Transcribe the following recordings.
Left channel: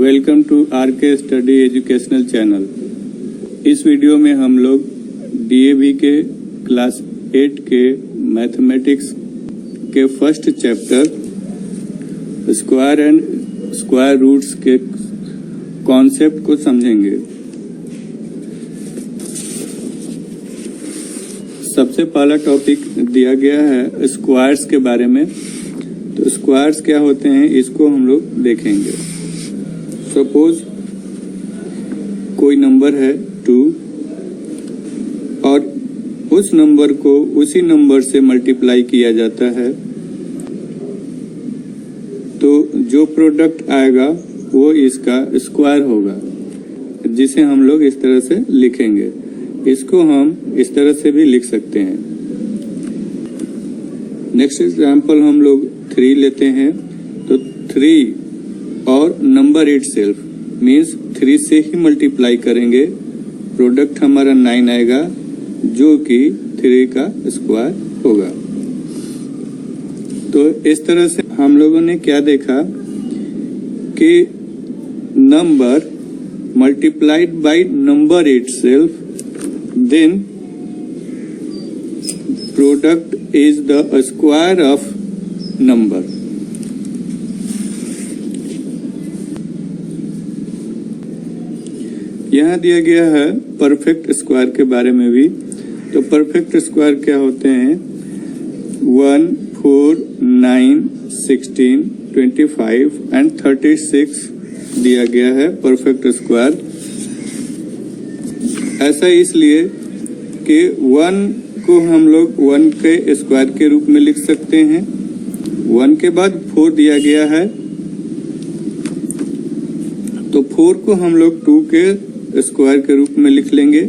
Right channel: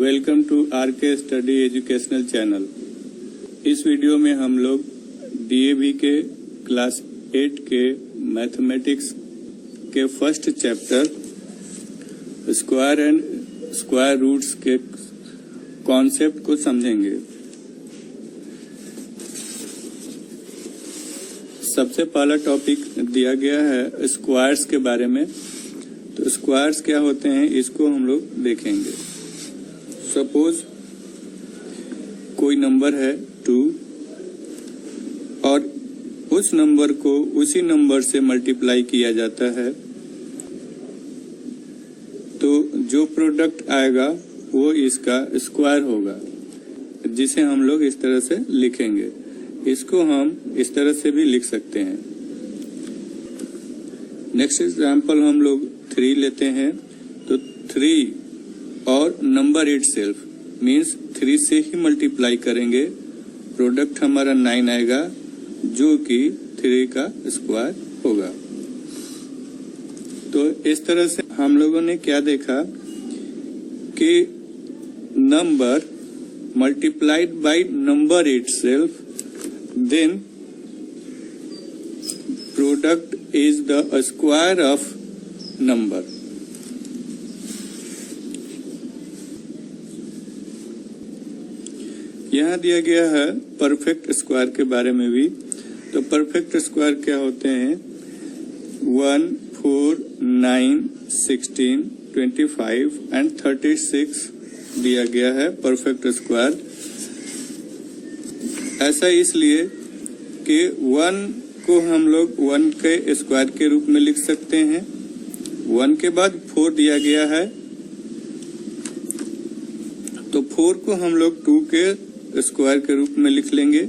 Welcome to RK study educational channel. इस video में हम लोग डीएवी के क्लास 8 के मैथमेटिक्स के first chapter square and square roots के कॉन्सेप्ट को समझेंगे। सबसे पहला टॉपिक दिया गया है स्क्वायर्स के बारे में। तो स्क्वायर्स क्या होते हैं इसको हम लोग देखेंगे। सपोज कोई नंबर है 2 और उस नंबर को उसी नंबर से मल्टीप्लाई किया जाता है, तो जो प्रोडक्ट आएगा वो इसका स्क्वायर होगा, जिसे हम लोग इस तरह से लिखेंगे। इसको हम इस तरह से भी लिख सकते हैं। नेक्स्ट एग्जांपल हम लोग 3 लेते हैं। तो 3 और नंबर इटसेल्फ मीन्स 3 से ही मल्टीप्लाई करेंगे, प्रोडक्ट हमारा 9 आएगा, जो कि 3 का स्क्वायर होगा। तो इस तरह से हम लोगों ने क्या देखा कि number multiplied by number itself, then product is the square of number. यहाँ दिया गया है परफेक्ट स्क्वायर के बारे में भी। तो परफेक्ट स्क्वायर क्या होते हैं? 1, 4, 9, 16, 25 एंड 36 दिया गया है परफेक्ट स्क्वायर। ऐसा इसलिए कि 1 को हम लोग 1 के स्क्वायर के रूप में लिख सकते हैं। 1 के बाद 4 दिया गया है, तो 4 को हम लोग 2 के स्क्वायर के रूप में लिख लेंगे।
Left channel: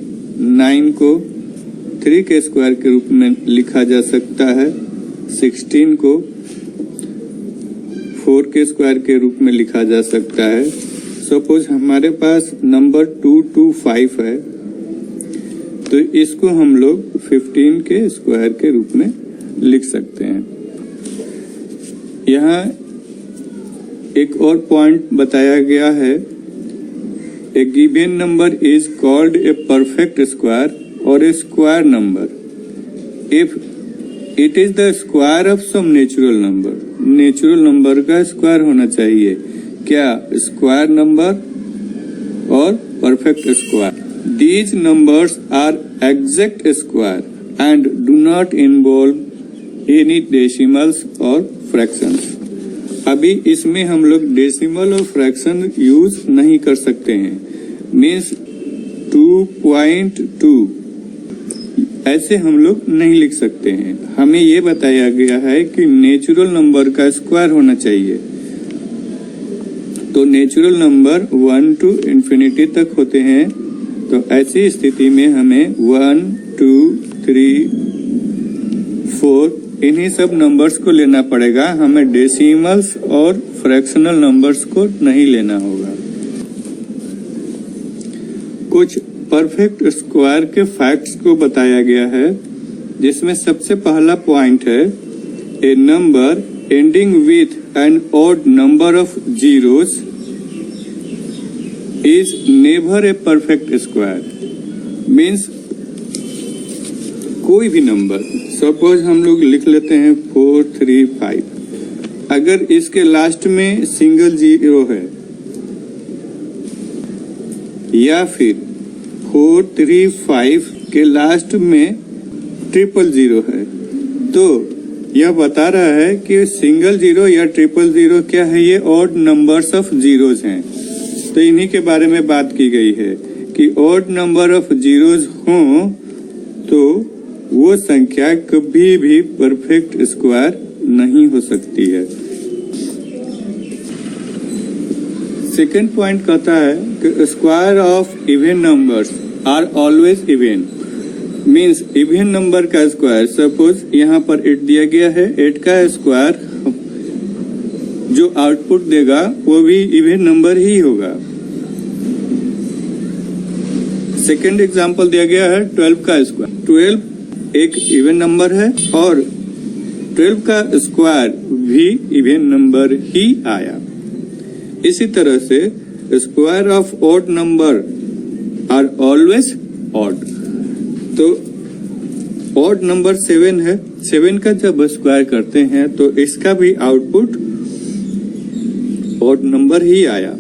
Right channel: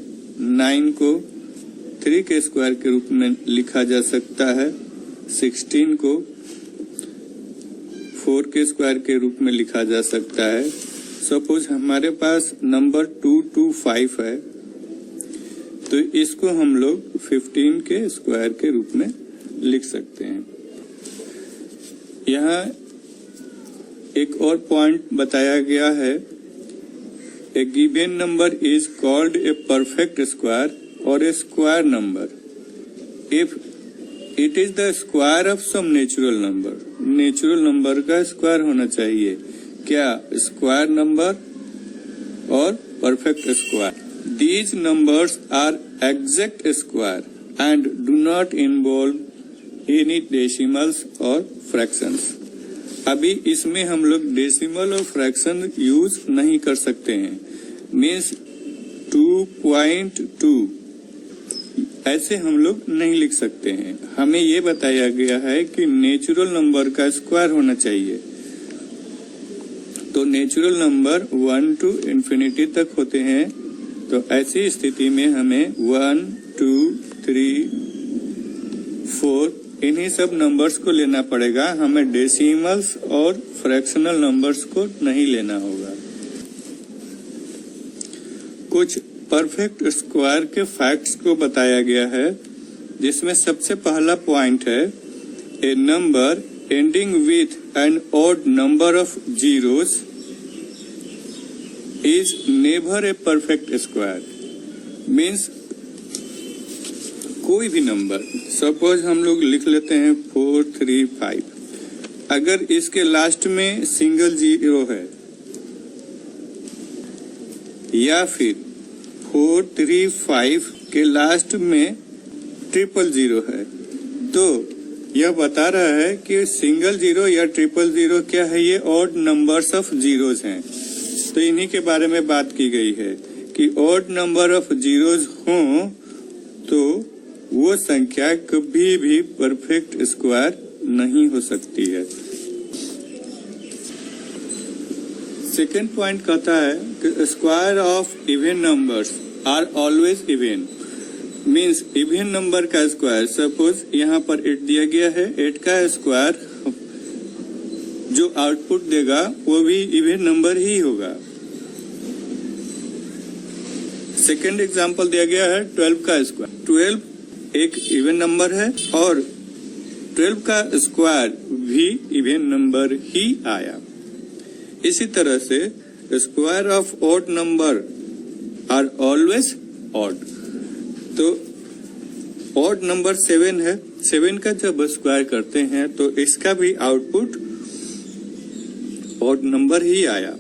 9 को 3 के स्क्वायर के रूप में लिखा जा सकता है। 16 को 4 के स्क्वायर के रूप में लिखा जा सकता है। सपोज हमारे पास नंबर 2 to 5 है, तो इसको हम लोग 15 के स्क्वायर के रूप में लिख सकते हैं। यहाँ एक और पॉइंट बताया गया है, a given number is called a perfect square और a square number if it is the square of some natural number. Natural number का स्क्वायर होना चाहिए क्या? स्क्वायर नंबर और perfect square. These numbers are exact square and do not involve any decimals or fractions. अभी इसमें हम लोग decimal और फ्रैक्शन यूज नहीं कर सकते हैं। मीन्स 2.2 ऐसे हम लोग नहीं लिख सकते हैं। हमें ये बताया गया है कि नेचुरल नंबर का स्क्वायर होना चाहिए। तो नेचुरल नंबर 1 to इंफिनिटी तक होते हैं। तो ऐसी स्थिति में हमें 1, 2, 3, 4 इन्हीं सब नंबर्स को लेना पड़ेगा। हमें डेसिमल्स और फ्रैक्शनल नंबर्स को नहीं लेना होगा। कुछ परफेक्ट स्क्वायर के फैक्ट्स को बताया गया है, जिसमें सबसे पहला पॉइंट है, a number ending with an odd number of zeros is never a perfect square. Means कोई भी नंबर, सपोज हम लोग लिख लेते हैं 4, 3, 5, अगर इसके लास्ट में सिंगल जीरो है या फिर 4, 3, 5 के लास्ट में ट्रिपल जीरो है, तो यह बता रहा है कि सिंगल जीरो या ट्रिपल जीरो क्या है? ये ऑड नंबर्स ऑफ जीरोज हैं। तो इन्हीं के बारे में बात की गई है कि ऑड नंबर ऑफ जीरोज हों तो वो संख्या कभी भी परफेक्ट स्क्वायर नहीं हो सकती है। सेकंड पॉइंट कहता है कि square of even numbers are always even. Means even number का स्क्वायर, सपोज यहाँ पर 8 दिया गया है, 8 का स्क्वायर जो आउटपुट देगा वो भी इवन नंबर ही होगा। सेकेंड एग्जांपल दिया गया है 12 का स्क्वायर। 12 एक इवन नंबर है और 12 का स्क्वायर भी इवन नंबर ही आया। इसी तरह से square of odd number are always odd. तो ऑड नंबर 7 है, 7 का जब स्क्वायर करते हैं तो इसका भी आउटपुट ऑड नंबर ही आया।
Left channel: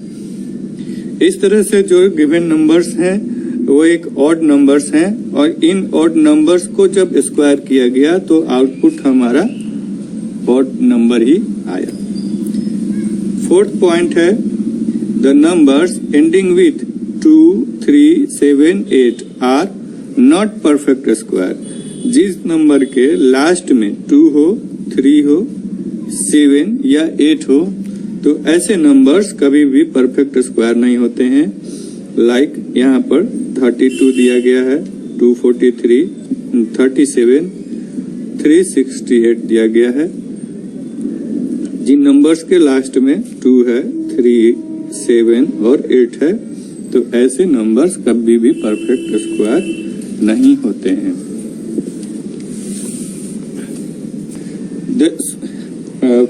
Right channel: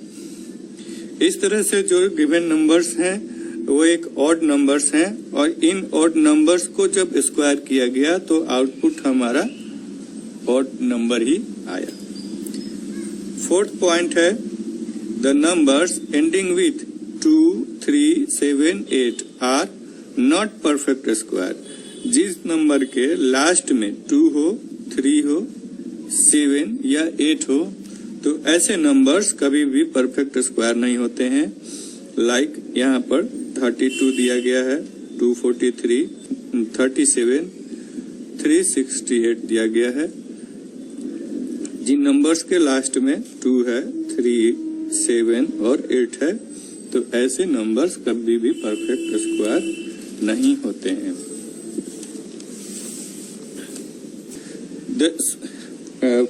इस तरह से जो गिवन नंबर्स हैं वो एक ऑड नंबर्स हैं और इन ऑड नंबर्स को जब स्क्वायर किया गया तो आउटपुट हमारा ऑड नंबर ही आया। फोर्थ पॉइंट है the numbers ending with 2, 3, 7, 8 are not perfect square. जिस नंबर के लास्ट में 2 हो, 3 हो, 7 या 8 हो तो ऐसे नंबर्स कभी भी परफेक्ट स्क्वायर नहीं होते हैं। लाइक यहाँ पर 32 दिया गया है, 243, 37, 368 दिया गया है। जिन नंबर्स के लास्ट में 2 है, 3, 7 और 8 है तो ऐसे नंबर्स कभी भी परफेक्ट स्क्वायर नहीं होते हैं।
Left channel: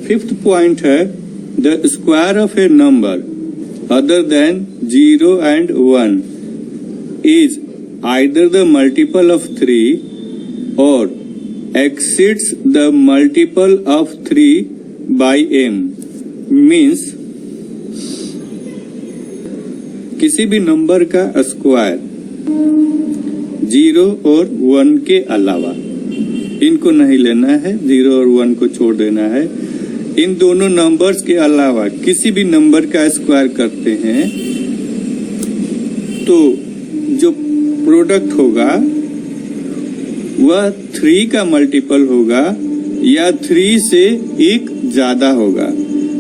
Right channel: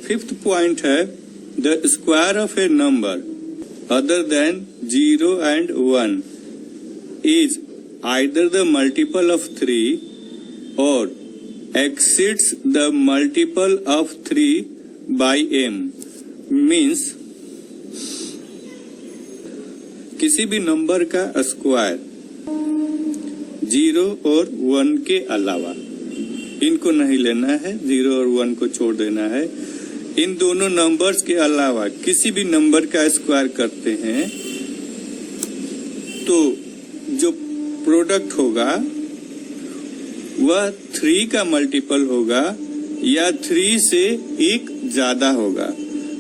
फिफ्थ पॉइंट है the square of A number other than 0 and 1 is either the multiple of 3 or exceeds the multiple of 3 by m। means किसी भी नंबर का स्क्वायर 0 और 1 के अलावा, इनको नहीं लेना है, 0 और 1 को छोड़ देना है, इन दोनों नंबर्स के अलावा किसी भी नंबर का स्क्वायर करते हैं तो जो प्रोडक्ट होगा वह 3 का मल्टीपल होगा या 3 से 1 ज्यादा होगा।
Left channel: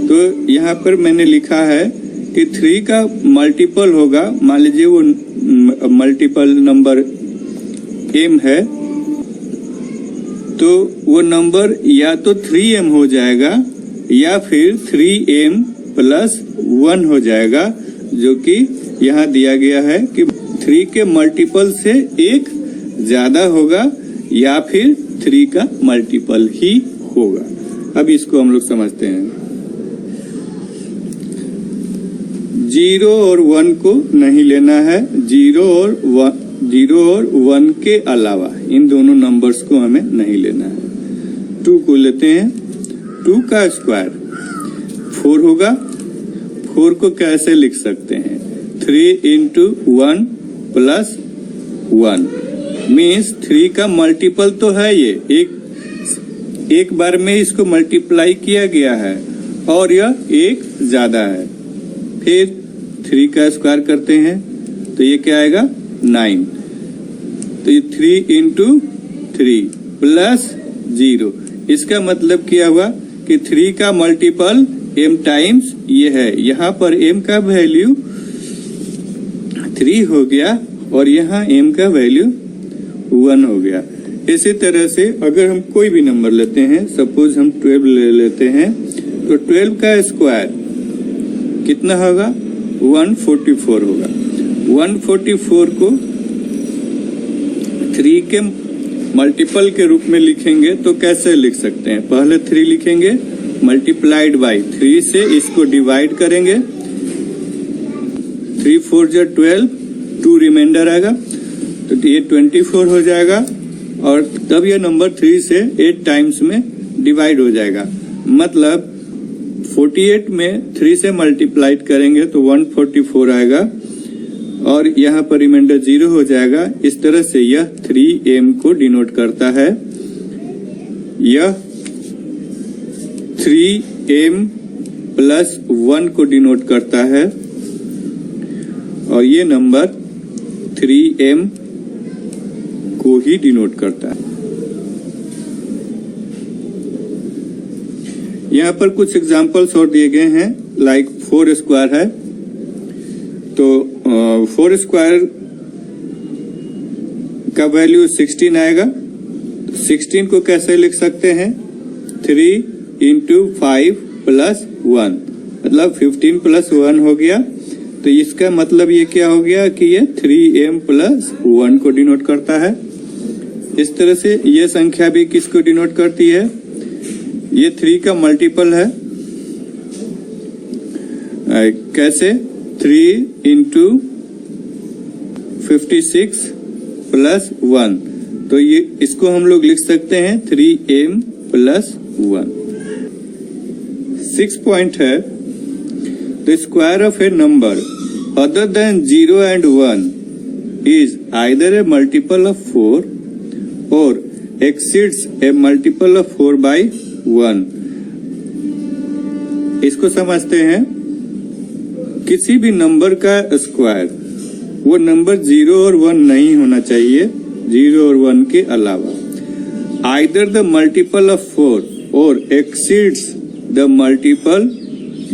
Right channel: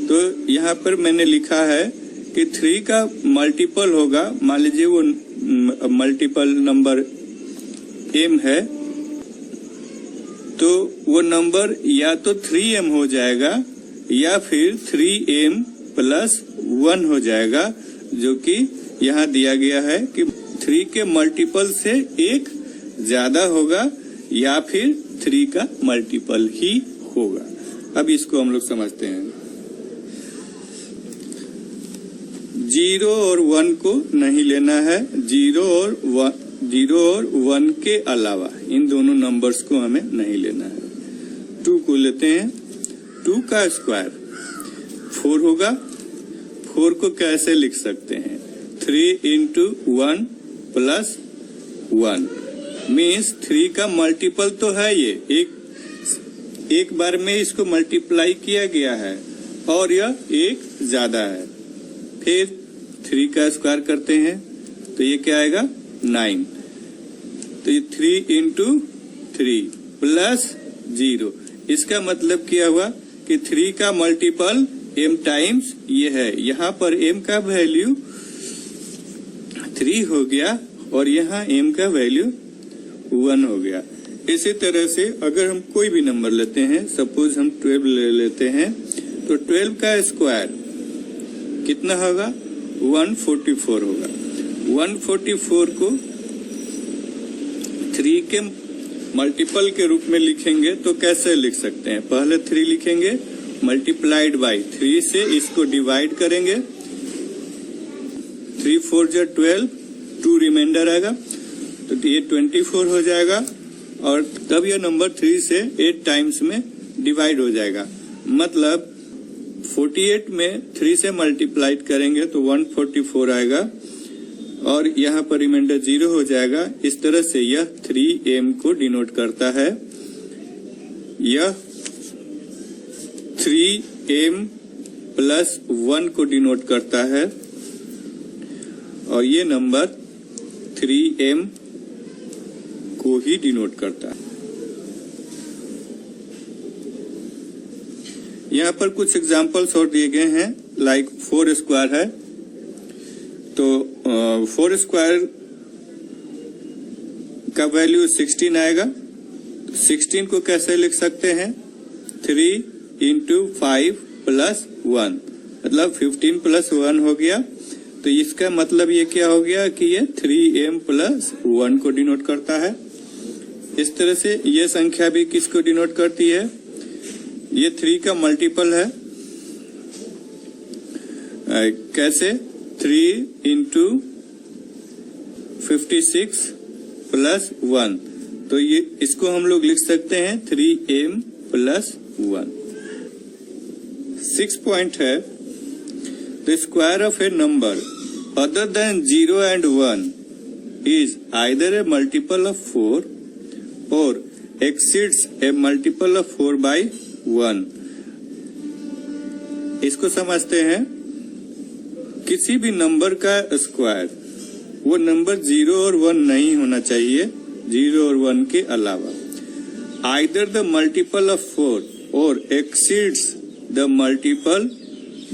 तो यहाँ पर मैंने लिखा है कि 3 का मल्टीपल होगा, मान लीजिए वो मल्टीपल नंबर m है तो वो नंबर या तो 3m हो जाएगा या फिर 3m प्लस 1 हो जाएगा, जो कि यहाँ दिया गया है कि 3 के मल्टीपल से 1 ज्यादा होगा या फिर 3 का मल्टीपल ही होगा। अब इसको हम लोग समझते हैं। 0 और 1 को नहीं लेना है, 0 और 1 के अलावा इन दोनों नंबर्स को हमें नहीं लेना है। 2 को लेते हैं, 2 का स्क्वायर 4 होगा। 4 को कैसे लिख सकते हैं? 3 into 1 प्लस 1 मीन्स 3 का मल्टीपल तो है, ये एक बार में इसको मल्टीप्लाई किया गया है और यह 1 ज्यादा है। फिर 3 का स्क्वायर करते हैं तो ये क्या आएगा? 9। तो ये 3 into 3 प्लस 0, इसका मतलब क्या हुआ कि 3 का मल्टीपल m टाइम्स ये है। यहाँ पर m का वैल्यू 3 हो गया और यहाँ m का वैल्यू 1 हो गया। इसी तरह से अगर हम कोई भी नंबर लेते हैं, सपोज हम 12 ले लेते हैं तो 12 का स्क्वायर कितना होगा? 144 होगा। 144 को 3 के मल्टीपल के रूप में लिखेंगे तो कैसे लिख सकते हैं? पहले 3 लिखेंगे मल्टीप्लाइड बाई 3 से इसको डिवाइड करेंगे। 3 4 जा 12, 2 रिमाइंडर आएगा तो ये 24 हो जाएगा और तब यह नंबर 3 से 8 टाइम्स में डिवाइड हो जाएगा। मतलब 48 में 3 से मल्टीप्लाइड करेंगे तो 144 आएगा और यहाँ पर रिमाइंडर 0 हो जाएगा। इस तरह से यह 3m को डिनोट करता है। यह 3m प्लस 1 को डिनोट करता है और ये नंबर 3m को ही डिनोट करता है। यहाँ पर कुछ एग्जाम्पल्स और दिए गए हैं, लाइक 4 स्क्वायर है तो 4 स्क्वायर का वैल्यू 16 आएगा। 16 को कैसे लिख सकते हैं? 3 into 5 प्लस 1 मतलब 15 प्लस 1 हो गया। तो इसका मतलब ये क्या हो गया कि ये 3m प्लस 1 को डिनोट करता है। इस तरह से ये संख्या भी किसको डिनोट करती है? ये 3 का मल्टीपल है। कैसे? 3 into 56 प्लस 1, तो ये इसको हम लोग लिख सकते हैं 3m प्लस 1। 6 पॉइंट है, the square of A number other than 0 and 1 is either a multiple of 4 or exceeds a multiple of 4 by 1। इसको समझते हैं, किसी भी नंबर का स्क्वायर वो नंबर 0 और 1 नहीं होना चाहिए, 0 और 1 के अलावा। आइदर द मल्टीपल ऑफ 4 और एक्सीड्स द मल्टीपल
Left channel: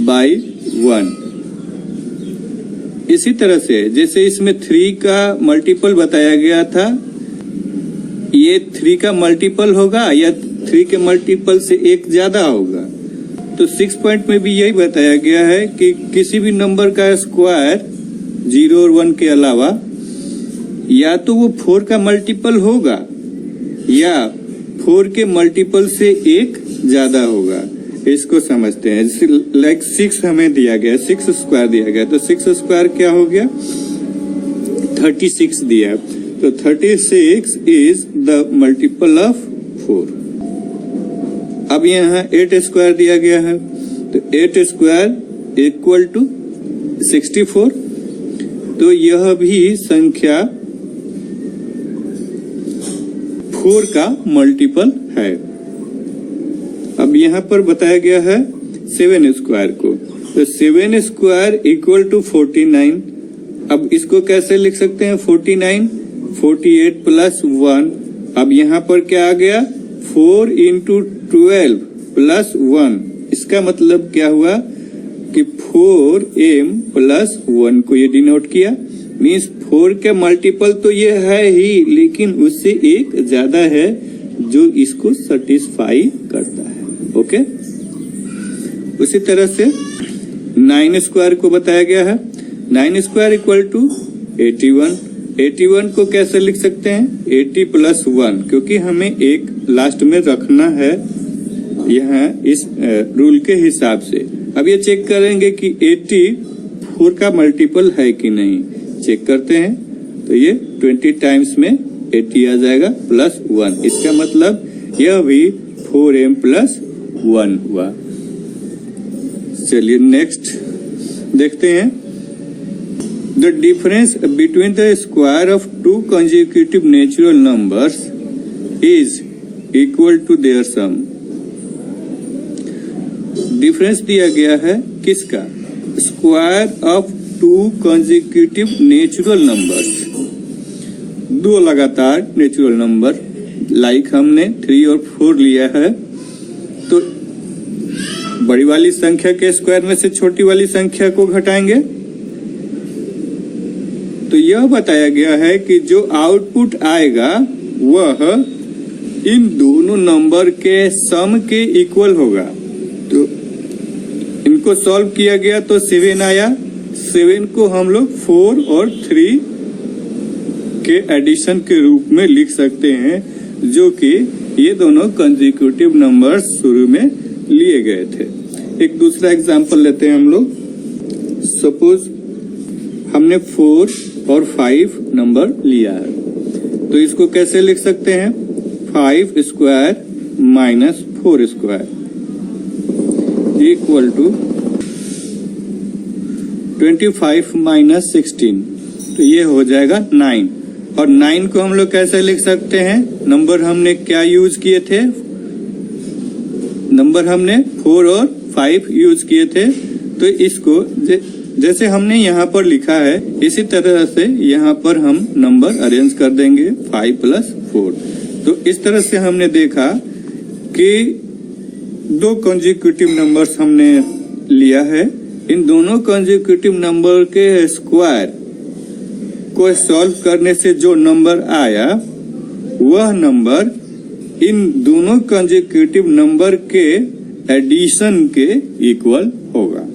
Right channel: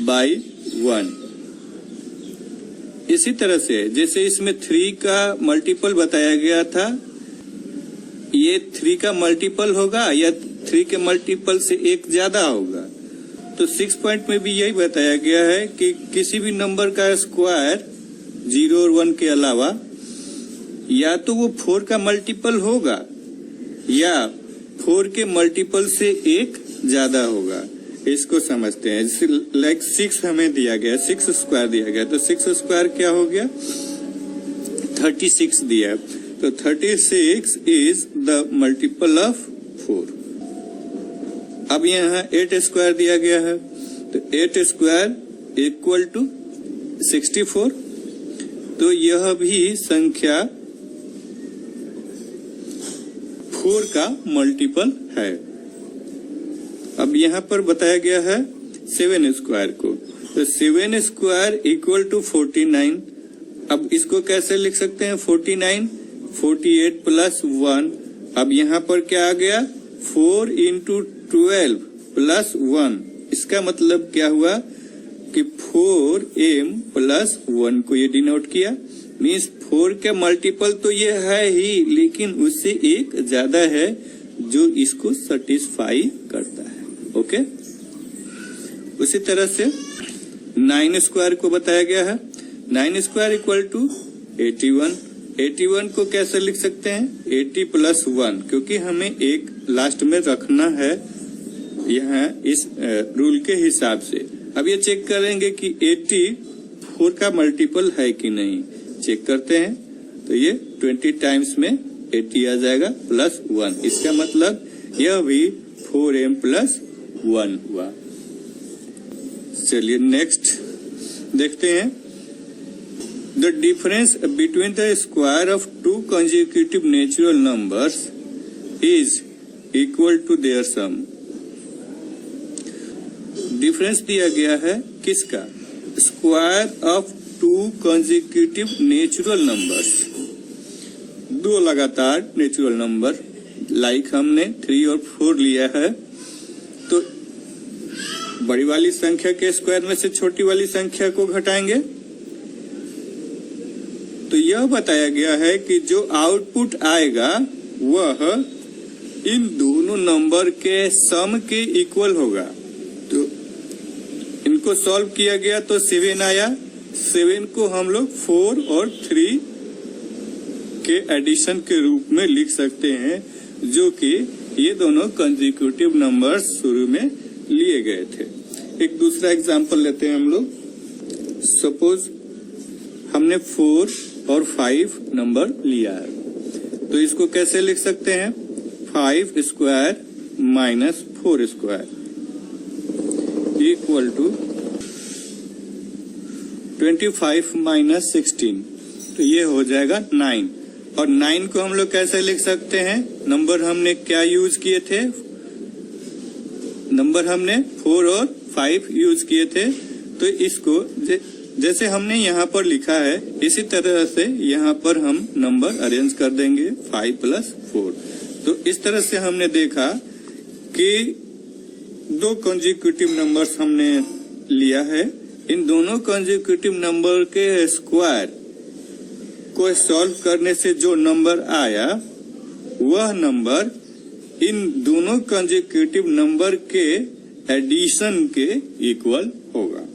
बाय 1। इसी तरह से जैसे इसमें 3 का मल्टीपल बताया गया था, ये 3 का मल्टीपल होगा या 3 के मल्टीपल से एक ज्यादा होगा। तो 6 पॉइंट में भी यही बताया गया है कि किसी भी नंबर का स्क्वायर 0 और 1 के अलावा या तो वो 4 का मल्टीपल होगा या 4 के मल्टीपल से एक ज्यादा होगा। इसको समझते हैं, जैसे लाइक 6 हमें दिया गया, 6 स्क्वायर दिया गया, तो 6 स्क्वायर क्या हो गया, 36 दिया, तो 36 इज द मल्टीपल ऑफ 4। अब यहाँ 8 स्क्वायर दिया गया है, तो 8 स्क्वायर इक्वल टू 64, तो यह भी संख्या 4 का मल्टीपल है। अब यहाँ पर बताया गया है 7 स्क्वायर को, तो 7 स्क्वायर इक्वल टू 49। अब इसको कैसे लिख सकते हैं, 49, 48 प्लस 1। अब यहाँ पर क्या आ गया, 4 into 12 प्लस 1। इसका मतलब क्या हुआ कि 4m प्लस 1 को ये डिनोट किया, मीन्स 4 के मल्टीपल तो ये है ही, लेकिन उससे एक ज्यादा है जो इसको सेटिस्फाई करता है। ओके, उसी तरह से 9 स्क्वायर को बताया गया है, 9 स्क्वायर इक्वल टू 81। 81 को कैसे लिख सकते हैं, 80 प्लस 1, क्योंकि हमें एक लास्ट में रखना है यहाँ इस रूल के हिसाब से। अब ये चेक करेंगे कि 84 का मल्टीपल है कि नहीं, चेक करते हैं, तो ये 20 टाइम्स में 80 आ जाएगा प्लस 1। इसका मतलब यह भी 4m प्लस 1 हुआ। चलिए नेक्स्ट देखते हैं, the difference between the square of 2 consecutive natural numbers is equal to their sum. Difference दिया गया है किसका, square of 2 consecutive natural numbers, 2 लगातार नेचुरल नंबर, लाइक हमने 3 और 4 लिया है, तो बड़ी वाली संख्या के स्क्वायर में से छोटी वाली संख्या को घटाएंगे, तो यह बताया गया है कि जो आउटपुट आएगा वह इन दोनों नंबर के सम के इक्वल होगा। तो इनको सॉल्व किया गया तो 7 आया, 7 को हम लोग 4 और 3 के एडिशन के रूप में लिख सकते हैं, जो कि ये दोनों कंसेक्यूटिव नंबर्स शुरू में लिए गए थे। एक दूसरा एग्जांपल लेते हैं हम लोग, सपोज हमने 4 और 5 नंबर लिया है, तो इसको कैसे लिख सकते हैं, 5 square minus 4 square equal to 25 minus 16, तो ये हो जाएगा 9। और 9 को हम लोग कैसे लिख सकते हैं, नंबर हमने क्या यूज किए थे, नंबर हमने 4 और 5 यूज किए थे, तो इसको जैसे हमने यहाँ पर लिखा है इसी तरह से यहाँ पर हम नंबर अरेंज कर देंगे, 5 प्लस 4। तो इस तरह से हमने देखा कि 2 कंसेक्यूटिव नंबर्स हमने लिया है, इन दोनों कंसेक्यूटिव नंबर के स्क्वायर को सॉल्व करने से जो नंबर आया वह नंबर इन दोनों कंसेक्यूटिव नंबर के एडिशन के इक्वल होगा।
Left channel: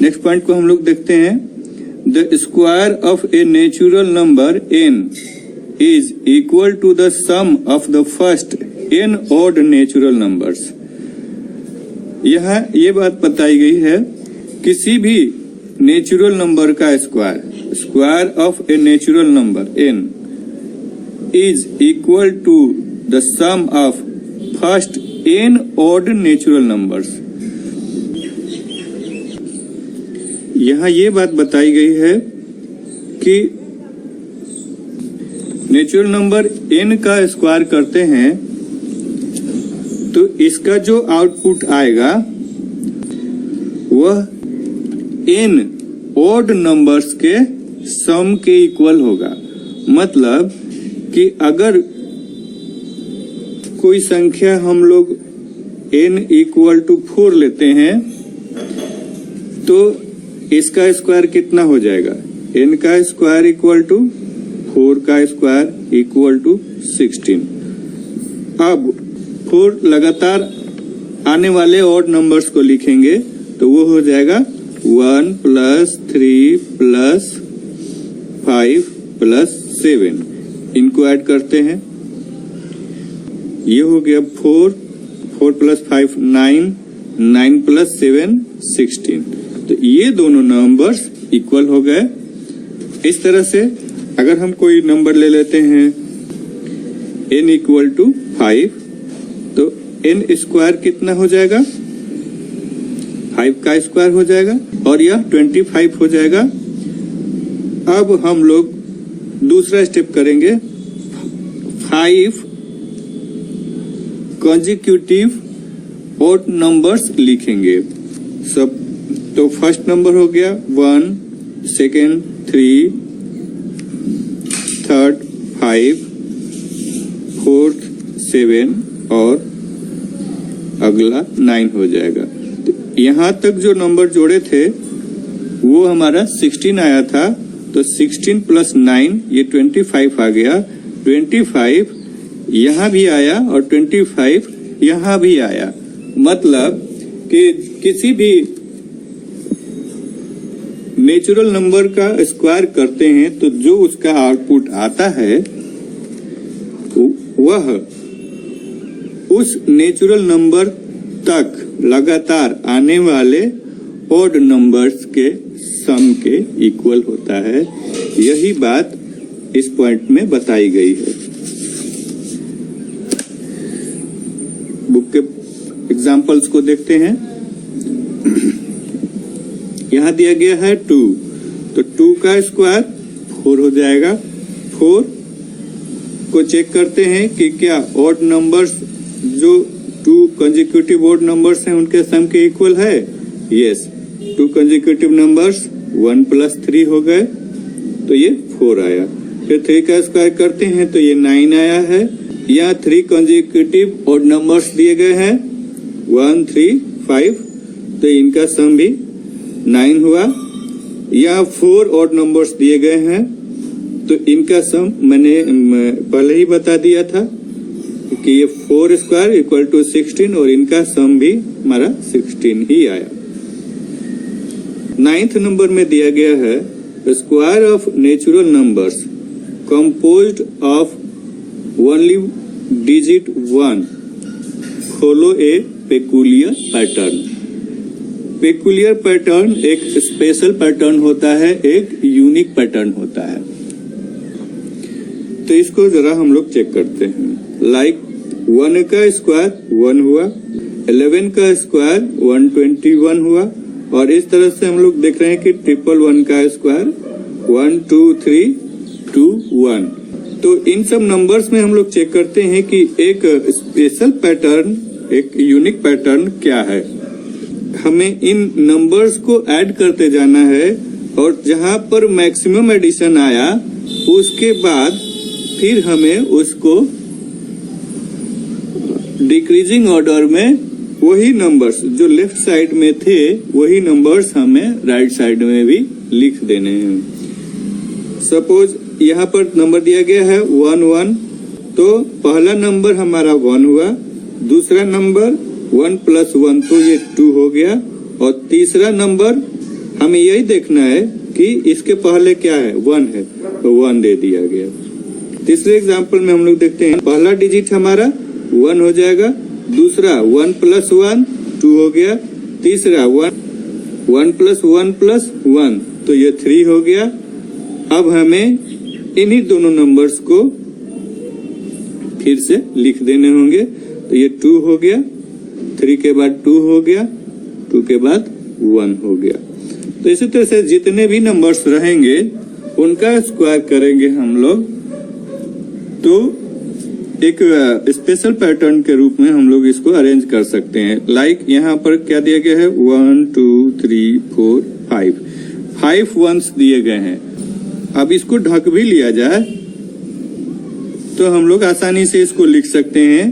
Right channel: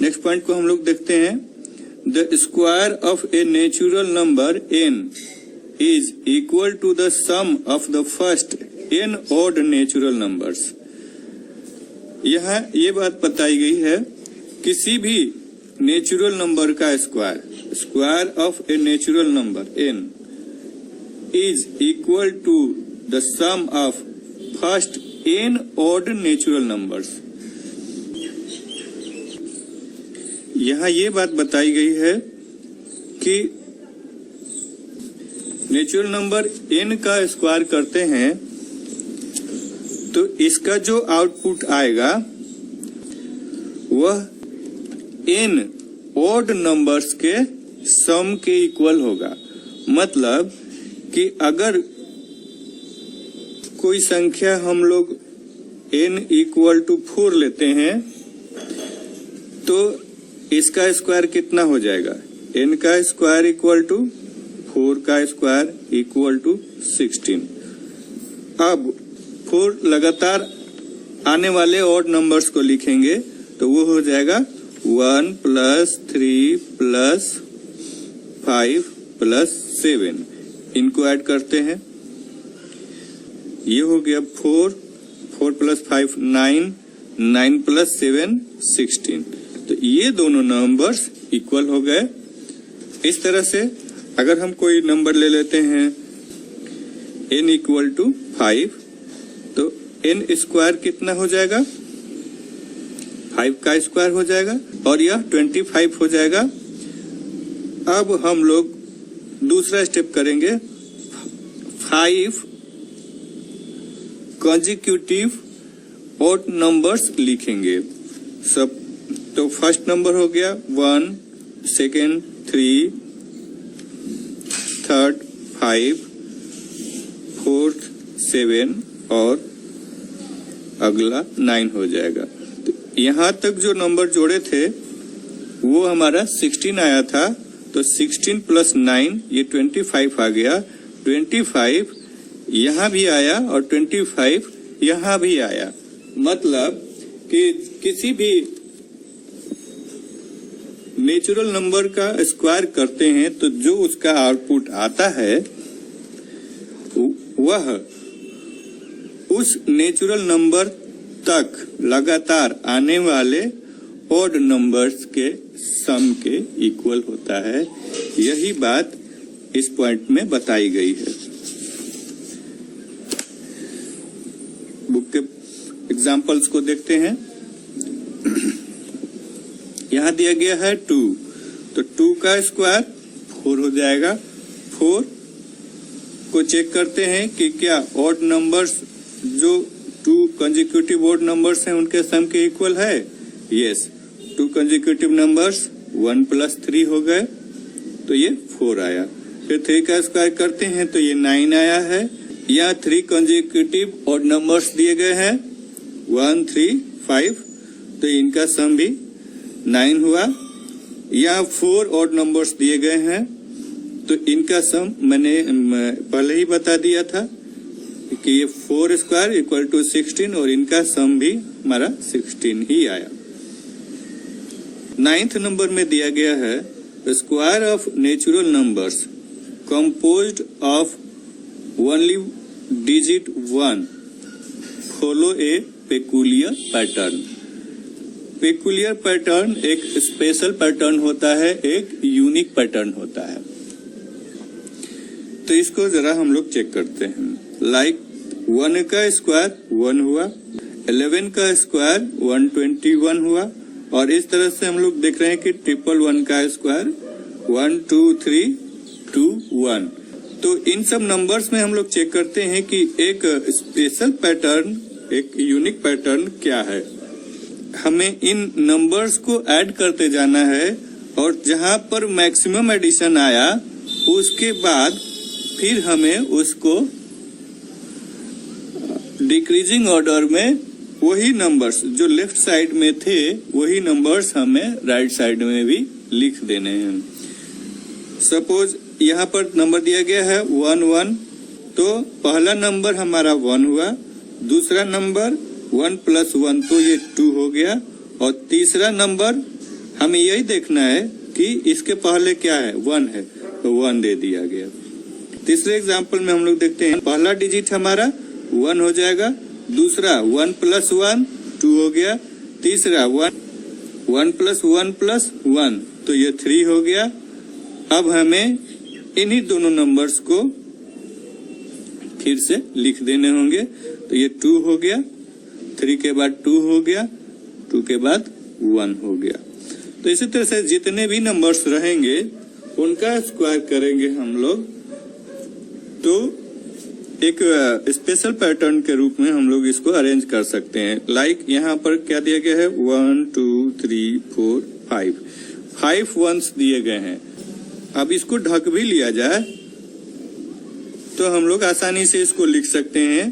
नेक्स्ट पॉइंट को हम लोग देखते हैं, the square of a natural number n is equal to the sum of the first n odd natural numbers. यहाँ ये बात बताई गई है, किसी भी नेचुरल नंबर का square, square of a natural number n is equal to the sum of first n odd natural numbers. यहाँ ये बात बताई गई है कि नेचुरल नंबर n का स्क्वायर करते हैं तो इसका जो आउटपुट आएगा वह n ऑड नंबर्स के सम के इक्वल होगा। मतलब कि अगर कोई संख्या हम लोग n इक्वल टू 4 लेते हैं तो इसका स्क्वायर कितना हो जाएगा? n का स्क्वायर इक्वल टू 4 का स्क्वायर इक्वल टू 16। अब 4 लगातार आने वाले ऑड नंबर्स को लिखेंगे तो वो हो जाएगा 1 प्लस 3 प्लस 5 प्लस 7। इनको ऐड करते हैं, ये हो गया 4 प्लस 5 9, 9 प्लस 7 16। तो ये दोनों नंबर्स इक्वल हो गए। इस तरह से अगर हम कोई नंबर ले लेते हैं n इक्वल टू 5 तो n स्क्वायर कितना हो जाएगा? 5 का स्क्वायर हो जाएगा और यह 25 हो जाएगा। अब हम लोग दूसरा स्टेप करेंगे, 5 कॉन्जिक्यूटिव ऑड नंबर्स लिखेंगे सब। तो फर्स्ट नंबर हो गया 1, सेकेंड 3, थर्ड 5, फोर्थ 7 और अगला 9 हो जाएगा। तो यहाँ तक जो नंबर जोड़े थे वो हमारा 16 आया था, तो 16 प्लस 9 ये 25 आ गया। 25 यहाँ भी आया और 25 यहाँ भी आया। मतलब कि किसी भी नेचुरल नंबर का स्क्वायर करते हैं तो जो उसका आउटपुट आता है वह उस नेचुरल नंबर तक लगातार आने वाले ऑड नंबर्स के सम के इक्वल होता है। यही बात इस पॉइंट में बताई गई है। बुक के एग्जाम्पल्स को देखते हैं। यहाँ दिया गया है 2, तो 2 का स्क्वायर 4 हो जाएगा। 4 को चेक करते हैं कि क्या ऑड नंबर्स जो 2 कंसेक्यूटिव ऑड नंबर्स हैं उनके सम के इक्वल है। यस, 2 कंसेक्यूटिव नंबर्स 1 प्लस 3 हो गए तो ये 4 आया। फिर 3 का स्क्वायर करते हैं तो ये 9 आया है। यहाँ 3 कंसेक्यूटिव ऑड नंबर्स दिए गए हैं 1 3 5, तो इनका सम भी 9 हुआ। यहाँ 4 ऑड नंबर्स दिए गए हैं तो इनका सम मैंने पहले ही बता दिया था कि ये 4 स्क्वायर इक्वल टू 16 और इनका सम भी हमारा 16 ही आया। 9th नंबर में दिया गया है square of natural numbers composed of only digit 1 follow a peculiar pattern. Peculiar pattern एक स्पेशल पैटर्न होता है, एक यूनिक पैटर्न होता है। तो इसको जरा हम लोग चेक करते हैं। लाइक 1 का स्क्वायर 1 हुआ, 11 का स्क्वायर 121 हुआ और इस तरह से हम लोग देख रहे हैं कि 111 का स्क्वायर 1 2 3 2 1। तो इन सब नंबर्स में हम लोग चेक करते हैं कि एक स्पेशल पैटर्न, एक यूनिक पैटर्न क्या है। हमें इन नंबर्स को ऐड करते जाना है और जहां पर मैक्सिमम एडिशन आया उसके बाद फिर हमें उसको डिक्रीजिंग ऑर्डर में वही नंबर्स जो लेफ्ट साइड में थे वही नंबर्स हमें राइट साइड में भी लिख देने हैं। सपोज यहाँ पर नंबर दिया गया है 1 1, तो पहला नंबर हमारा 1 हुआ, दूसरा नंबर 1 प्लस 1 तो ये 2 हो गया और तीसरा नंबर हमें यही देखना है कि इसके पहले क्या है 1 है तो 1 दे दिया गया। तीसरे एग्जाम्पल में हम लोग देखते हैं पहला डिजिट हमारा 1 हो जाएगा, दूसरा 1 प्लस 1 2 हो गया, तीसरा 1 1 + 1 + 1, तो ये 3 हो गया। अब हमें इन्हीं दोनों नंबर्स को फिर से लिख देने होंगे, तो ये 2 हो गया, 3 के बाद 2 हो गया, 2 के बाद 1 हो गया। तो इसी तरह से जितने भी नंबर्स रहेंगे उनका स्क्वायर करेंगे हम लोग, तो एक स्पेशल पैटर्न के रूप में हम लोग इसको अरेंज कर सकते हैं। लाइक यहाँ पर क्या दिया गया है, 1 2 3 4 5 वंस दिए गए हैं। अब इसको ढक भी लिया जाए तो हम लोग आसानी से इसको लिख सकते हैं।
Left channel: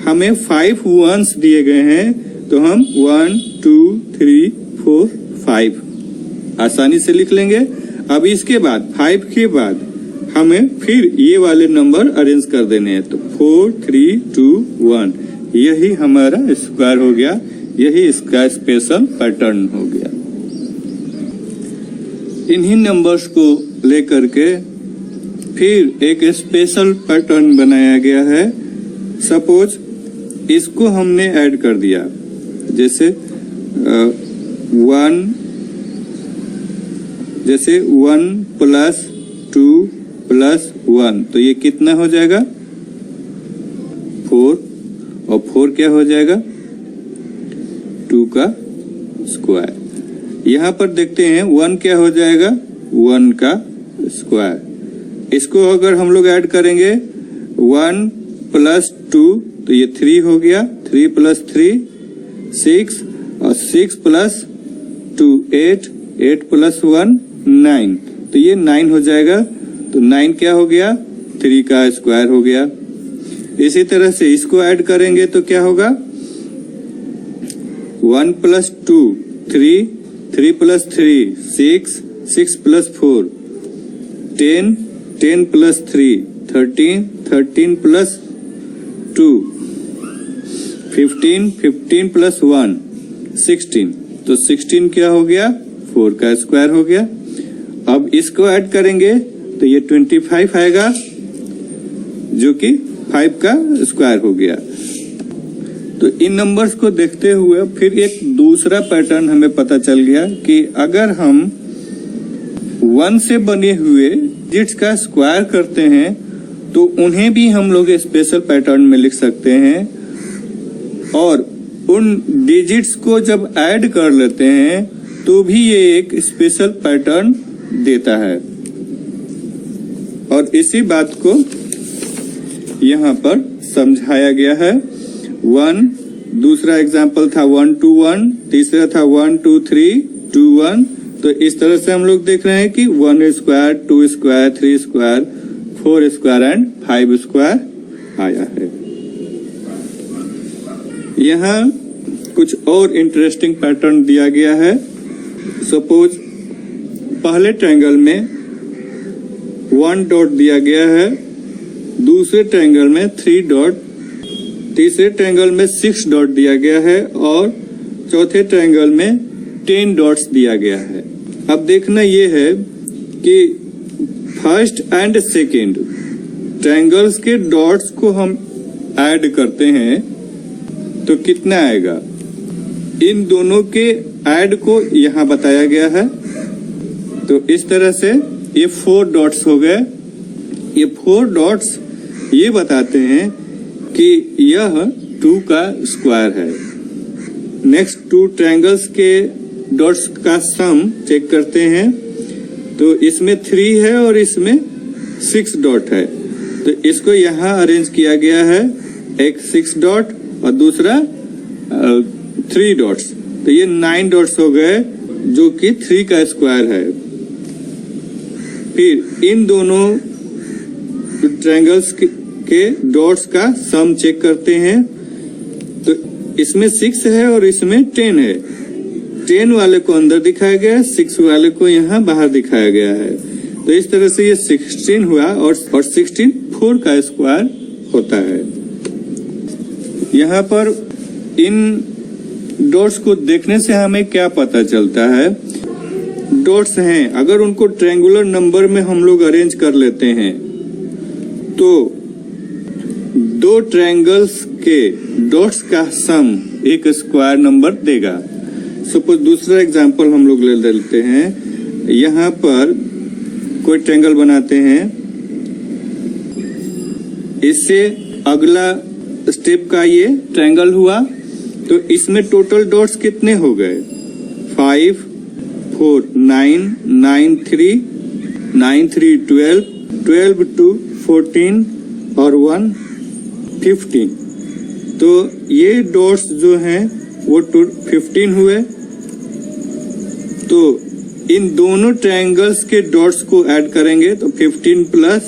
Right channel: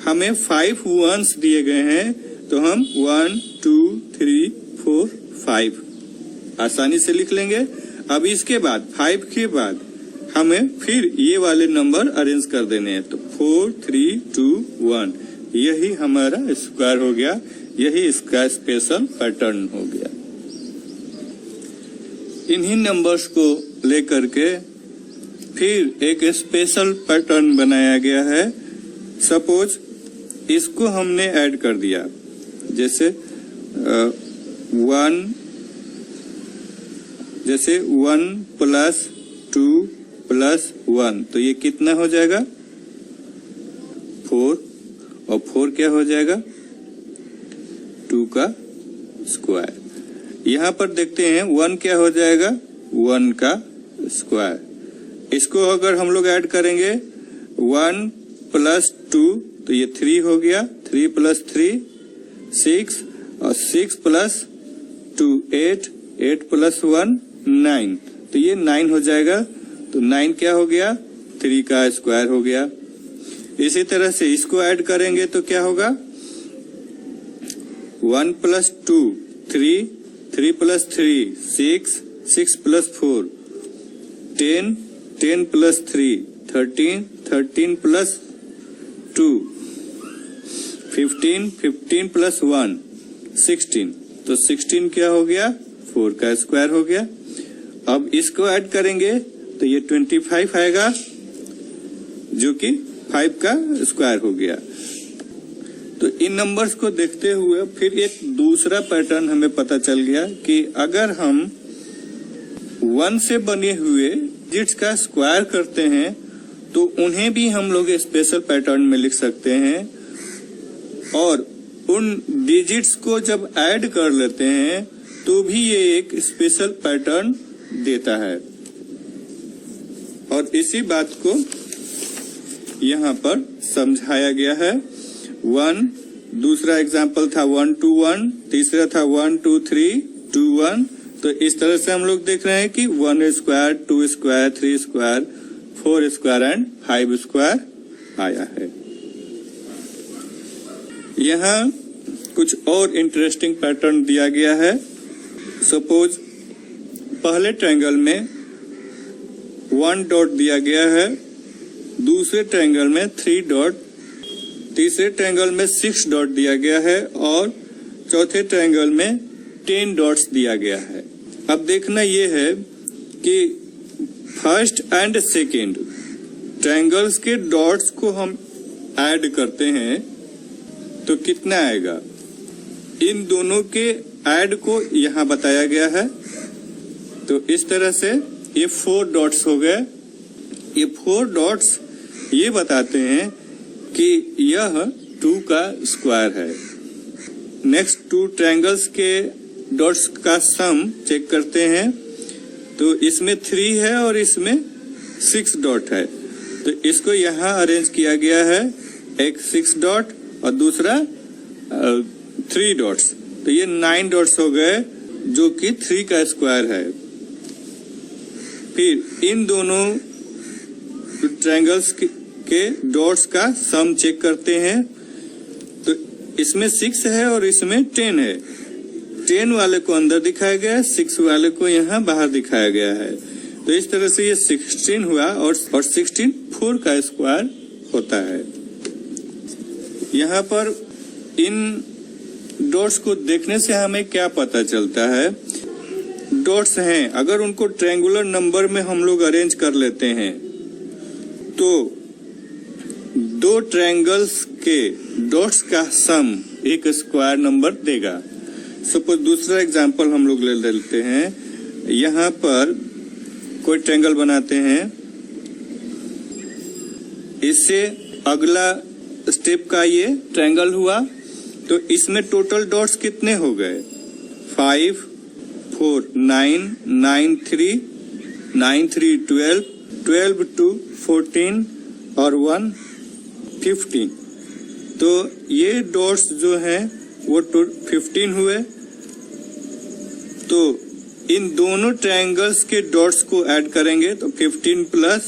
हमें 5 वंस दिए गए हैं, तो हम 1 2 3 4 5 आसानी से लिख लेंगे। अब इसके बाद 5 के बाद हमें फिर ये वाले नंबर अरेंज कर देने हैं, तो 4 3 2 1, यही हमारा स्क्वायर हो गया, यही इसका स्पेशल पैटर्न हो गया। इन्हीं नंबर्स को लेकर के फिर एक स्पेशल पैटर्न बनाया गया है। सपोज इसको हमने ऐड कर दिया, जैसे 1 + 2 + 1, तो ये कितना हो जाएगा, 4, और 4 क्या हो जाएगा, 2 का स्क्वायर। यहाँ पर देखते हैं 1 क्या हो जाएगा, 1 का स्क्वायर। इसको अगर हम लोग ऐड करेंगे 1 + 2, तो ये 3 हो गया, 3 + 3 6, और 6 + 2 8, 8 + 1 9, तो ये 9 हो जाएगा। तो 9 क्या हो गया, 3 का स्क्वायर हो गया। इसी तरह से इसको ऐड करेंगे तो क्या होगा, 1 + 2 3, 3 + 3 6, 6 + 4 10, 10 + 3 13, 13 + 2 15, 15 + 1 16, तो 16 क्या हो गया, 4 का स्क्वायर हो गया। अब इसको ऐड करेंगे तो ये 25 आएगा, जो कि 5 का स्क्वायर हो गया। तो इन नंबर्स को देखते हुए फिर एक दूसरा पैटर्न हमें पता चल गया कि अगर हम 1 से बने हुए डिजिट्स का स्क्वायर करते हैं तो उन्हें भी हम लोग स्पेशल पैटर्न में लिख सकते हैं, और उन डिजिट्स को जब ऐड कर लेते हैं तो भी ये एक स्पेशल पैटर्न देता है। और इसी बात को यहाँ पर समझाया गया है। 1, दूसरा एग्जाम्पल था 1 2 1, तीसरा था 1 2 3 2 1। तो इस तरह से हम लोग देख रहे हैं कि 1 square, 2 square, 3 square, 4 square and 5 square आया है। यहाँ कुछ और इंटरेस्टिंग पैटर्न दिया गया है। सपोज पहले ट्रायंगल में 1 डॉट दिया गया है, दूसरे ट्रायंगल में 3 डॉट, तीसरे ट्रायंगल में 6 डॉट दिया गया है, और चौथे ट्रायंगल में 10 डॉट्स दिया गया है। अब देखना ये है कि फर्स्ट एंड सेकेंड ट्रायंगल्स के डॉट्स को हम ऐड करते हैं तो कितना आएगा। इन दोनों के ऐड को यहाँ बताया गया है। तो इस तरह से ये 4 डॉट्स हो गए। ये 4 डॉट्स ये बताते हैं कि यह 2 का स्क्वायर है। नेक्स्ट 2 ट्रायंगल्स के डॉट्स का सम चेक करते हैं, तो इसमें 3 है और इसमें 6 डॉट है, तो इसको यहाँ अरेंज किया गया है, एक 6 डॉट और दूसरा 3 डॉट्स, तो ये 9 डॉट्स हो गए जो कि 3 का स्क्वायर है। फिर इन दोनों ट्रायंगल्स के डॉट्स का सम चेक करते हैं, तो इसमें 6 है और इसमें 10 है। 10 वाले को अंदर दिखाया गया है, 6 वाले को यहाँ बाहर दिखाया गया है। तो इस तरह से ये 16 हुआ और 16 4 का स्क्वायर होता है। यहाँ पर इन डॉट्स को देखने से हमें क्या पता चलता है। डॉट्स हैं, अगर उनको ट्रायंगुलर नंबर में हम लोग अरेंज कर लेते हैं तो 2 ट्रायंगल्स के डॉट्स का सम एक स्क्वायर नंबर देगा। सपोज दूसरा एग्जांपल हम लोग ले लेते हैं। यहाँ पर कोई ट्रायंगल बनाते हैं, इससे अगला स्टेप का ये ट्रायंगल हुआ, तो इसमें टोटल डॉट्स कितने हो गए? 5, 4, 9, 9, 3, 9, 3, 12, 12, 2, 14 और 1, 15। तो ये डॉट्स जो हैं वो 15 हुए। तो इन दोनों ट्रायंगल्स के डॉट्स को ऐड करेंगे तो 15 प्लस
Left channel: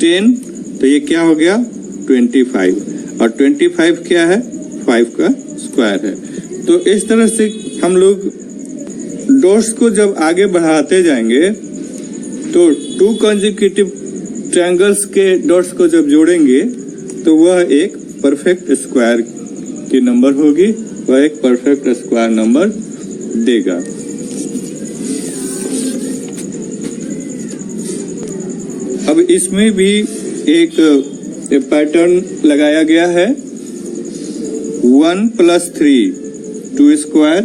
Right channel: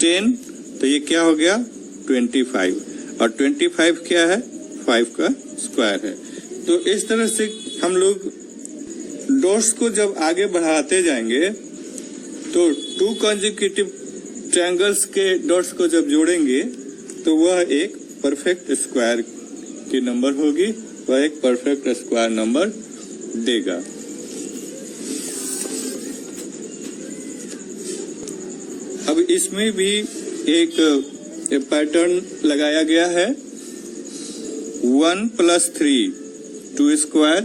10, तो ये क्या हो गया? 25। और 25 क्या है? 5 का स्क्वायर है। तो इस तरह से हम लोग डॉट्स को जब आगे बढ़ाते जाएंगे तो 2 कंसेक्यूटिव ट्रायंगल्स के डॉट्स को जब जोड़ेंगे तो वह एक परफेक्ट स्क्वायर की नंबर होगी, वह एक परफेक्ट स्क्वायर नंबर देगा। अब इसमें भी एक पैटर्न लगाया गया है। 1 + 3 2 स्क्वायर,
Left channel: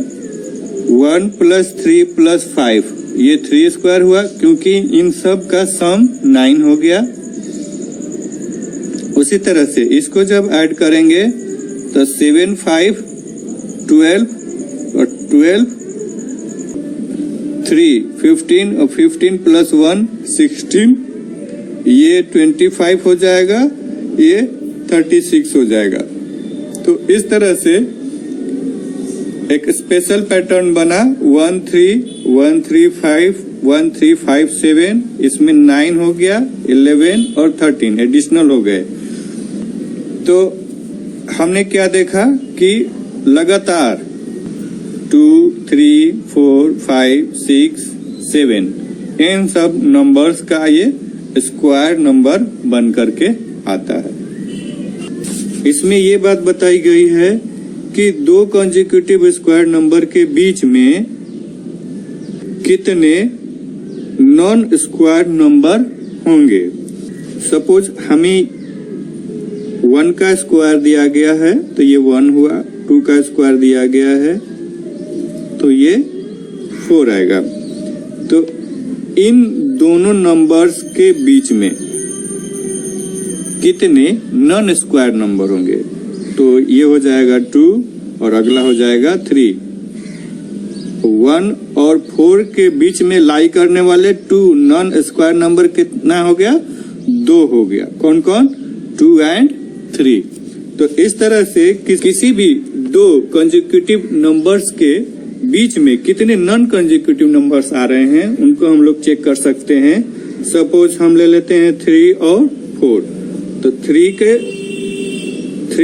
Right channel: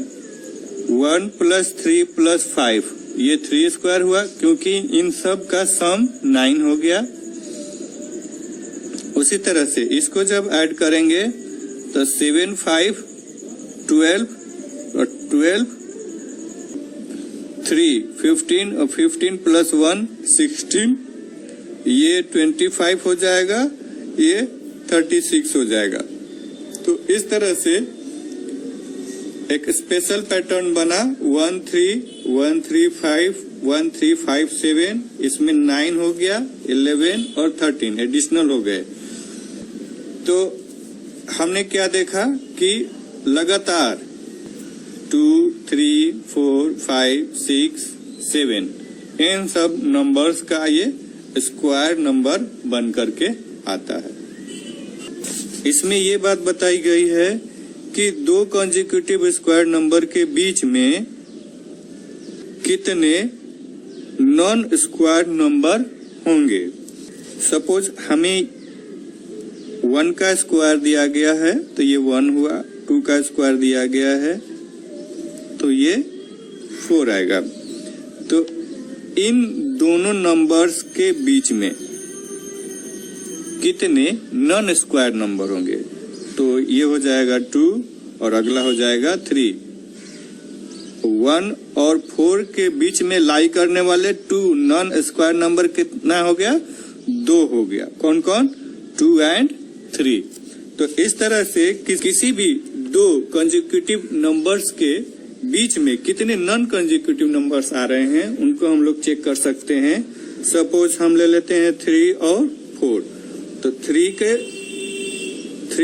1 + 3 + 5 ये 3 स्क्वायर हुआ, क्योंकि इन सब का सम 9 हो गया। उसी तरह से इसको जब ऐड करेंगे तो 7, 5, 12 और 12, 3, 15 और 15 + 1 16, ये 25 हो जाएगा, ये 36 हो जाएगा। तो इस तरह से एक स्पेशल पैटर्न बना। 1, 3, 1, 3, 5, 1, 3, 5, 7, इसमें 9 हो गया, 11 और 13 एडिशनल हो गए। तो हमने क्या देखा कि लगातार 2, 3, 4, 5, 6, 7 इन सब नंबर्स का ये स्क्वायर नंबर बन करके आता है। इसमें ये बात बताई गई है कि 2 कंसेक्यूटिव स्क्वायर नंबर के बीच में कितने नॉन स्क्वायर नंबर होंगे। सपोज हमें 1 का स्क्वायर दिया गया है तो ये 1 हुआ, 2 का स्क्वायर दिया गया है तो ये 4 आएगा। तो इन दोनों नंबर्स के बीच में कितने नॉन स्क्वायर नंबर होंगे? तो ये हो जाएगा 2 और अगला हो जाएगा 3। 1 और 4 के बीच में लाई करने वाले 2 नॉन स्क्वायर नंबर कितना हो गया? 2 हो गया। कौन कौन? 2 और 3। तो इस तरह से किसी भी 2 कंसेक्यूटिव नंबर्स के बीच में कितने नॉन कंसेक्यूटिव नंबर्स आ रहे हैं उनको हम लोग चेक कर सकते हैं। सपोज हम ले लेते हैं 3 और 4, तो 3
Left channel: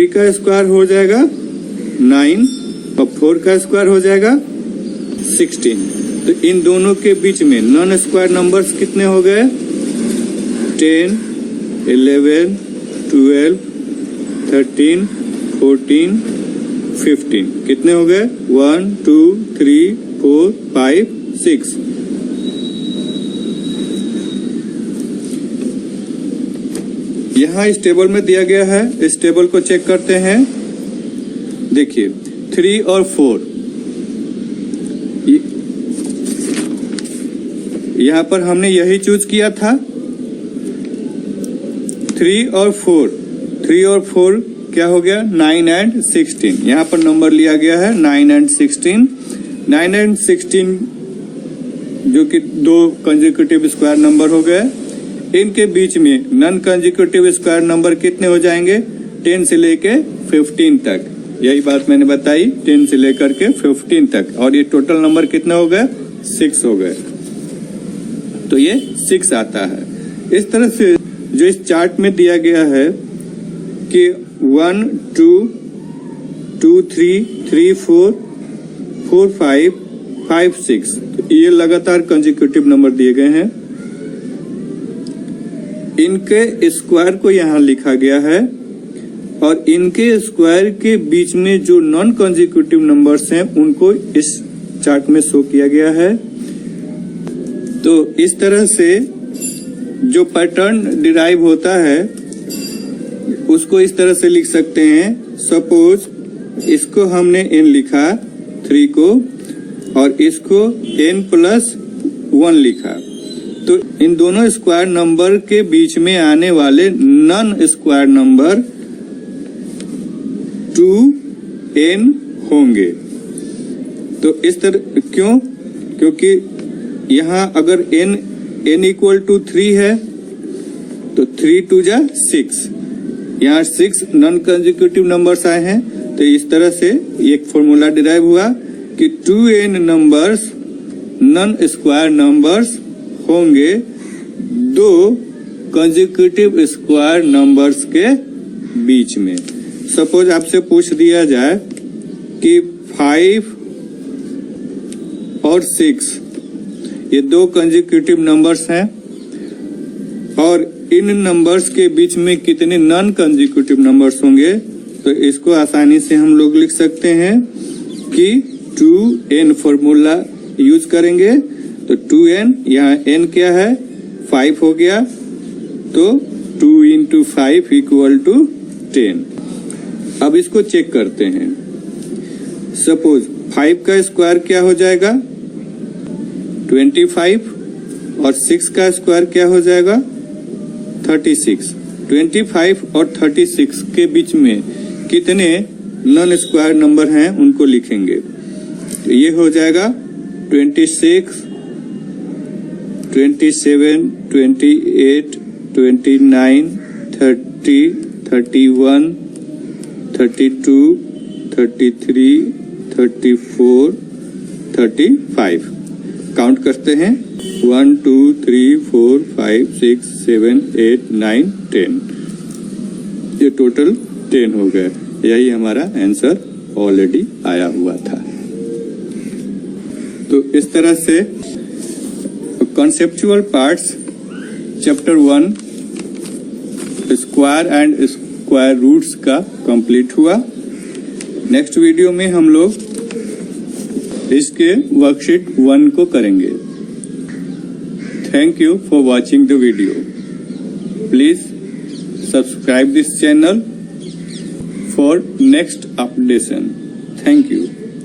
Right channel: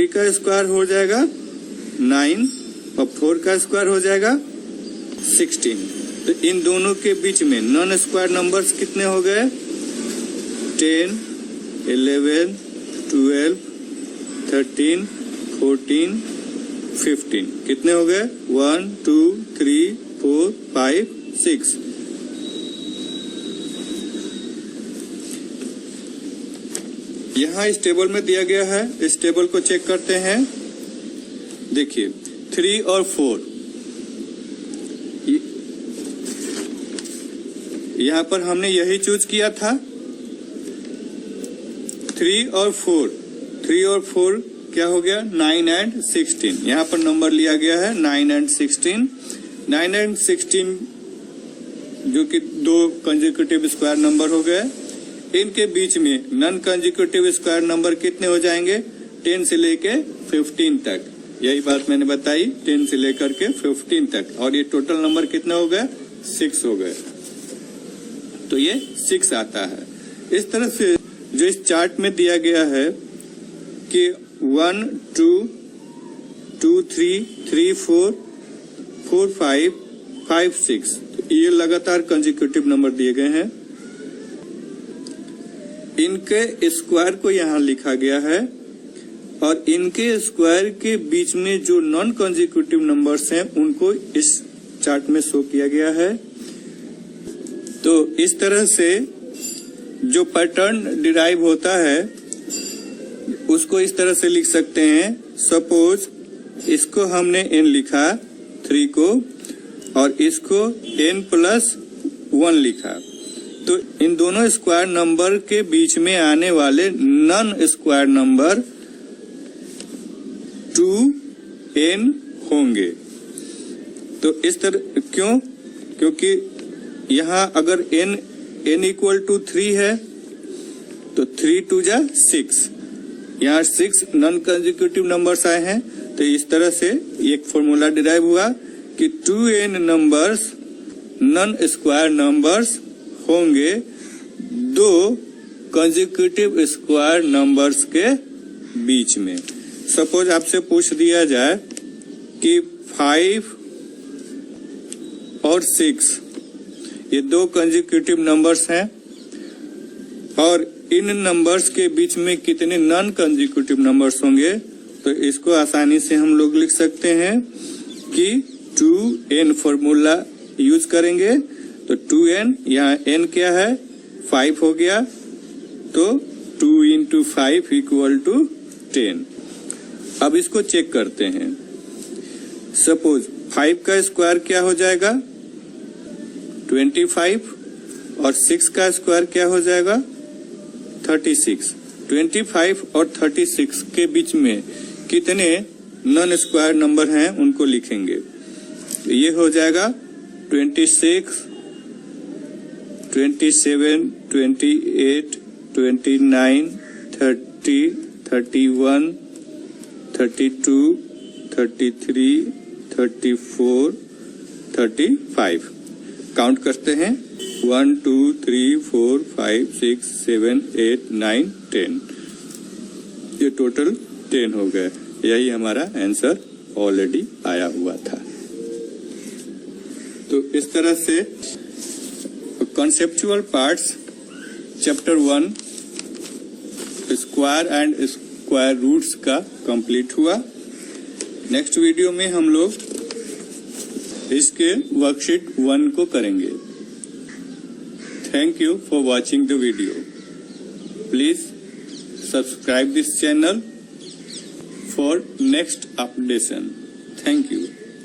का स्क्वायर हो जाएगा 9 और 4 का स्क्वायर हो जाएगा 16। तो इन दोनों के बीच में नॉन स्क्वायर नंबर्स कितने हो गए? 10, 11, 12, 13, 14, 15 कितने हो गए? 1, 2, 3, 4, 5, 6। यहाँ इस टेबल में दिया गया है, इस टेबल को चेक करते हैं। देखिए 3 और 4, यहाँ पर हमने यही चूज किया था। 3 और 4 क्या हो गया? 9 और 16। यहाँ पर नंबर लिया गया है 9 और 16। 9 और 16 जो कि 2 कंसेक्यूटिव स्क्वायर नंबर हो गए। इनके बीच में नॉन कंसेक्यूटिव स्क्वायर नंबर कितने हो जाएंगे? 10 से लेके 15 तक। यही बात मैंने बताई, 10 से लेकर के 15 तक। और ये टोटल नंबर कितने हो गए? 6 हो गए। तो ये 6 आता है। इस तरह से जो इस चार्ट में दिया गया है कि 1, 2, 2, 3, 3, 4, 4, 5, 5, 6, तो ये लगातार कंसेक्यूटिव नंबर दिए गए हैं। इनके स्क्वायर को यहाँ लिखा गया है और इनके स्क्वायर के बीच में जो नॉन कंसेक्यूटिव नंबर्स हैं उनको इस चार्ट में शो किया गया है। तो इस तरह से जो पैटर्न डिराइव होता है उसको इस तरह से लिख सकते हैं। सपोज इसको हमने n लिखा 3 को, और इसको n+1 लिखा। तो इन दोनों स्क्वायर नंबर के बीच में आने वाले नन स्क्वायर नंबर 2n होंगे। तो इस तरह क्यों? क्योंकि यहाँ अगर n = 3 है तो 3 2 जा 6, यहाँ 6 नॉन कंसेक्यूटिव नंबर्स आए हैं। तो इस तरह से एक फॉर्मूला डिराइव हुआ कि 2n numbers non square numbers होंगे दो कंसेक्यूटिव स्क्वायर नंबर्स के बीच में। सपोज आपसे पूछ दिया जाए कि 5 और 6 ये दो कंसेक्यूटिव नंबर्स हैं और इन नंबर्स के बीच में कितने नॉन कंसेक्यूटिव नंबर्स होंगे। तो इसको आसानी से हम लोग लिख सकते हैं कि 2n फॉर्मूला यूज करेंगे। तो 2n, यहाँ n क्या है 5 हो गया, तो 2 × 5 = 10। अब इसको चेक करते हैं। सपोज 5 का स्क्वायर क्या हो जाएगा 25 और 6 का स्क्वायर क्या हो जाएगा 36। 25 और 36 के बीच में कितने नॉन स्क्वायर नंबर हैं उनको लिखेंगे। तो ये हो जाएगा 26, 27, 28, 29, 30, 31, 32, 33, 34, 35। काउंट करते हैं 1 2 3 4 5 6 7 8 9 10। ये टोटल 10 हो गए। यही हमारा आंसर ऑलरेडी आया हुआ था। तो इस तरह से conceptual parts chapter 1 square and square roots का कंप्लीट हुआ। नेक्स्ट वीडियो में हम लोग इसके वर्कशीट 1 को करेंगे। Thank you for watching the video. Please subscribe this channel for next updation. Thank you.